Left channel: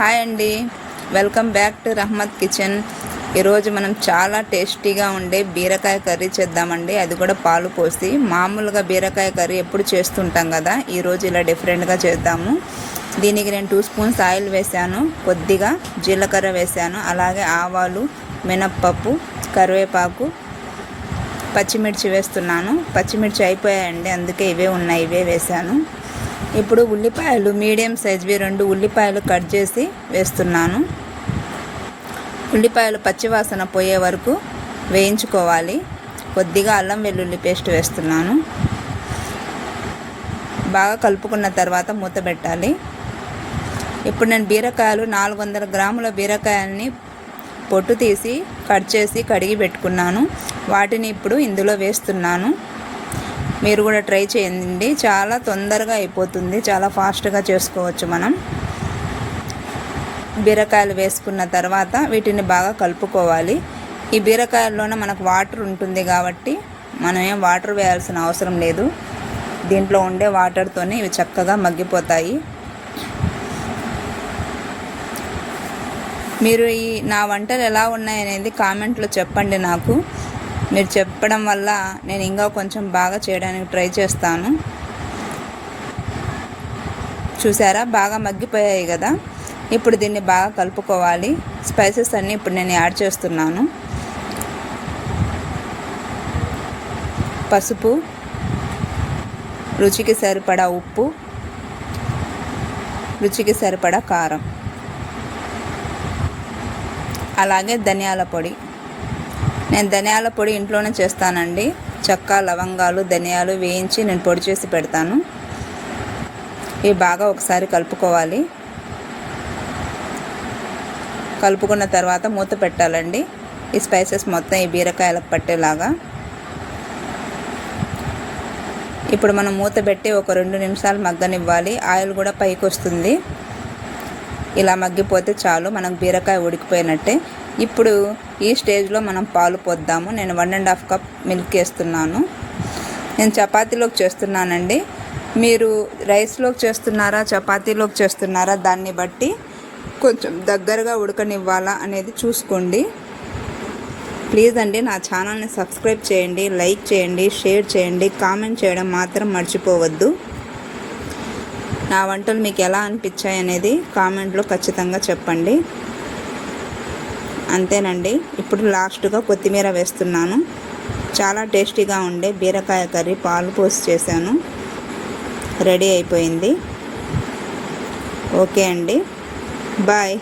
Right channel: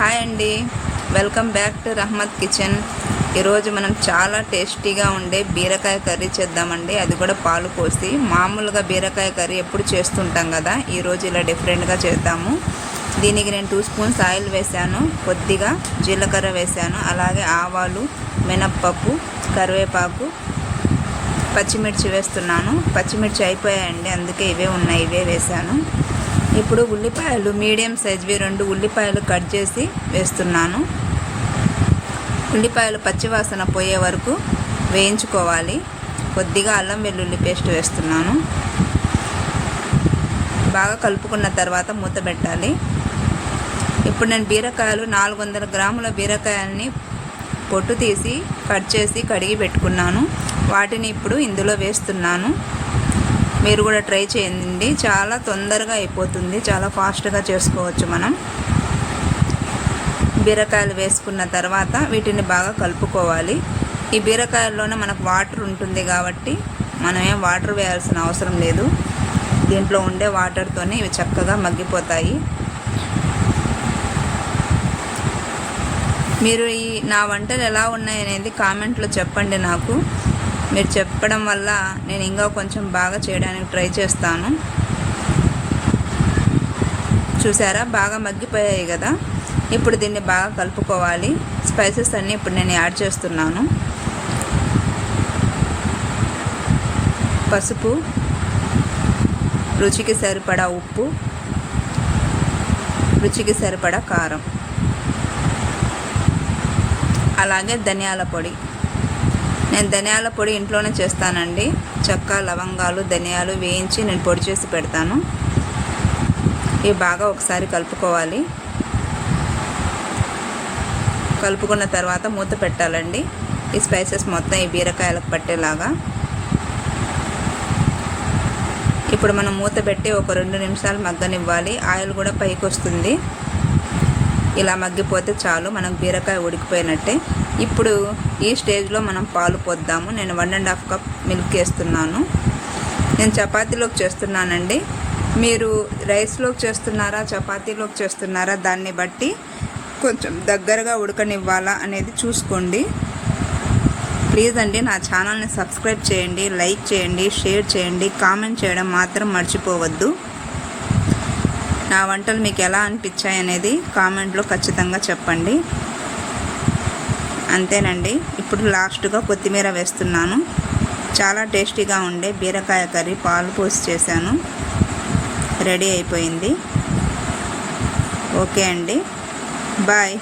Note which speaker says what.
Speaker 1: Hi అండి. Welcome back to Rahmat kitchen. ఈరోజు మనం చాలా టేస్టీగా ఉండే బీరకాయ కర్రీ చేద్దామండి. అది కూడా పాలు పోసి మామూలుగా బీరకాయ కర్రీ ఎప్పుడు చేస్తుంటాం కదా ఈరోజు ఇలా డిఫరెంట్గా చేద్దాము. దీనికి నేను టూ స్పూన్స్ ఆయిల్ వేశాను కొద్దిగా జీలకర్ర వేశాను అలాగే ఆవాలు మినప్పప్పు కరివేపాకు పచ్చిమిర్చి వేస్తున్నాను. పచ్చిమిర్చి అయిపోయాయండి అందుకే ఇవే ఉన్నాయి ఇవే వేశాను ఇప్పుడు ఉల్లిపాయలు మీడియం సైజ్వి రెండు ఉల్లిపాయలు కట్ చేసి వేస్తున్నాను. ఉల్లిపాయలు పచ్చివాసన పోయే వరకు వేయించుకోవాలి. కొద్దిగా అల్లం వెల్లుల్లి పేస్ట్ వేస్తున్నాను. బాగా కలుపుకున్న తర్వాత మూత పెట్టాలి. ఇప్పుడు నేను బీరకాయలు నాలుగు వందల గ్రాముల బీరకాయల్ని పొట్టు తీసి కట్ చేసి కడిగి పెట్టుకున్నాను. వాటిని ఇప్పుడు ఇందులో వేస్తున్నాను. మీరు కూడా ట్రై చేయండి. చాలా తొందరగా అయిపోతుంది. చాలా ఫాస్ట్గా చేసుకోవచ్చు మనం. బీరకాయలు వేసుకున్న తర్వాత వీటిని బాగా కలుపుకోవాలి. ఈ బీరకాయల్లోనే మనకు వాటర్ ఉంటుంది కాబట్టి మనం ఏం వాటర్ వేయాల్సిన అవసరం లేదు. దీంట్లో ఉండే వాటర్తోనే ఇవి చక్కగా మగ్గిపోతాయి. మీరు ఈ నా వంటలు ఎలా ఉన్నాయనేది కామెంట్లో చెప్పండి నాకు. మీరు చెప్పడం వల్ల నేను ఇంకా కొంచెం బాగా చేయడానికి ట్రై చేస్తాను. చూసారా? బాగా మగ్గిపోయాయి కదా? ఇప్పుడు దీన్ని బాగా కలుపుకోవాలి. స్పైసెస్ అన్నీ ఇప్పుడు నేను యాడ్ చేస్తున్నాను. పసుపు రుచికి సరిపడా ఉప్పు రుచికి సరిపడా కారం. అలాగే ధనియాల పొడి. నేను ధనియాల పొడి ఇంట్లోనే చేస్తానండి. చెక్క లవంగాలు ధనియాలు వేయించి నేను పొడి చేసి పెడతాను. ఇవి బాగా ఒకసారి కలుపుకోవాలి. కలుపుకున్న తర్వాత మూత పెట్టాలండి. ఈ స్పైసెస్ మొత్తం ఈ బీరకాయలకు పట్టేలాగా. ఇప్పుడు మనం మూత పెట్టి ఒక రెండు నిమిషాలు మగ్గనివ్వాలి. ఆయిల్ కూడా పైకి వస్తుంది ఇలా మగ్గిపోతే చాలు మనకు బీరకాయ ఉడికిపోయినట్టే. ఇప్పుడు ఈ స్టేజ్లో మనం పాలు పోద్దాము. నేను one and half cup milk వేస్తున్నాను. నేను చపాతీలోకి చేస్తున్నానండి. మీరు రైస్లోకి చేస్తున్నారా చపాతీలోకి చేస్తున్నారా దాన్ని బట్టి కొంచెం దగ్గరగా ఉడకనివ్వాలా అనేది చూసుకోండి. ప్లీజ్ అండి నా ఛానల్ని సబ్స్క్రైబ్ చేయండి లైక్ చేయండి షేర్ చేయండి కామెంట్ చేయడం మాత్రం మర్చిపోవద్దు. నా వంటలు మీకు ఎలా అనిపించాయి అనేది కామెంట్లో ఖచ్చితంగా చెప్పండి. అంతేనండి. ఇప్పుడు లాస్ట్గా కొత్తిమీర వేస్తున్నాను. చాలా టేస్టీగా ఉండే బీరకాయ కర్రీ పాలు పోసి చేశాను. రెడీ అయిపోయింది. ఓకే అండి. బాయ్.